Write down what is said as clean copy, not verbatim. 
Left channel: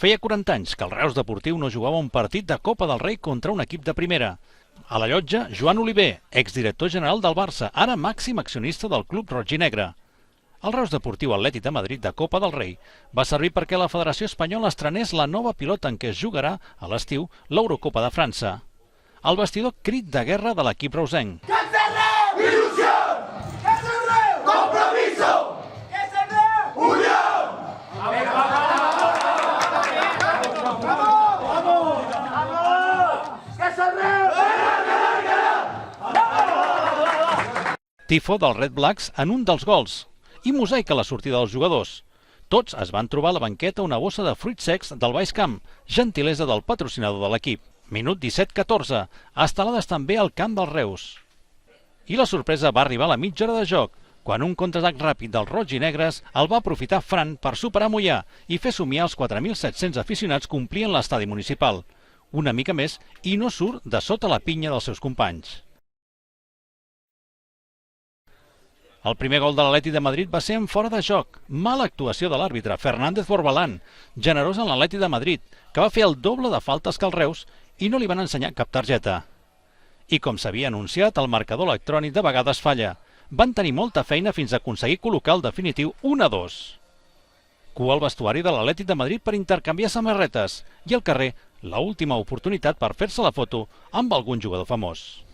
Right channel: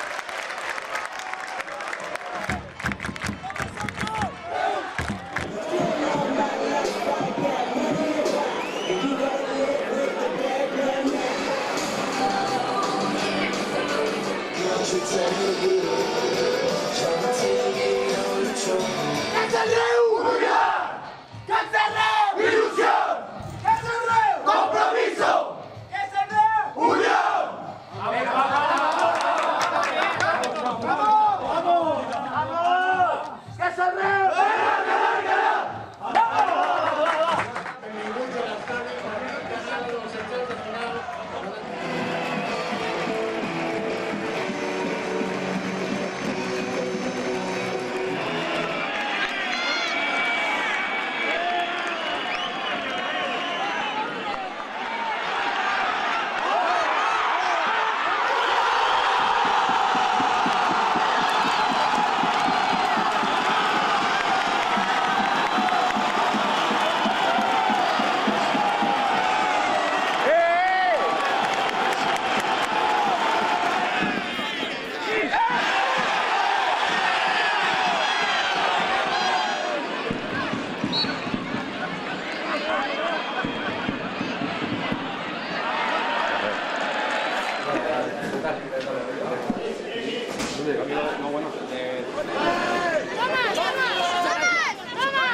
Feia 40 anys que el Reus Deportiu no jugava un partit de Copa del Rei contra un equip de primera. A la llotja, Joan Oliver, exdirector general del Barça, ara màxim accionista del club roig i negre. El Reus Deportiu Atlètic de Madrid de Copa del Rei va servir perquè la Federació Espanyola estrenés la nova pilota en què es jugarà, a l'estiu, l'Eurocopa de França. El vestidor crit de guerra de l'equip reusenc. ¡Que es el Reus! ¡Ilusión! ¡Que es el Reus! ¡Compromiso! ¡Que es el Reus! ¡Unión! Tifo dels Red Blacks en un dels gols i mosaic a la sortida dels jugadors. Tots es van trobar a la banqueta una bossa de fruits secs del Baix Camp, gentilesa del patrocinador de l'equip. Minut 17-14, estelades també al camp dels Reus. I la sorpresa va arribar a la mitja hora de joc, quan un contraatac ràpid dels roig i negres el va aprofitar Fran per superar Mollà i fer somiar els 4.700 aficionats que omplien l'estadi municipal. Una mica més i no surt de sota la pinya dels seus companys. El primer gol de l'Atlètic de Madrid va ser en fora de joc. Mala actuació de l'àrbitre, Fernández Borbalán, generós en l'Atlètic de Madrid, que va fer el doble de faltes que el Reus i no li van ensenyar cap targeta. I com s'havia anunciat, el marcador electrònic de vegades falla. Van tenir molta feina fins a aconseguir col·locar el definitiu 1-2. Cua al vestuari de l'Atlètic de Madrid per intercanviar samarretes i al carrer l'última oportunitat per fer-se la foto amb algun jugador famós.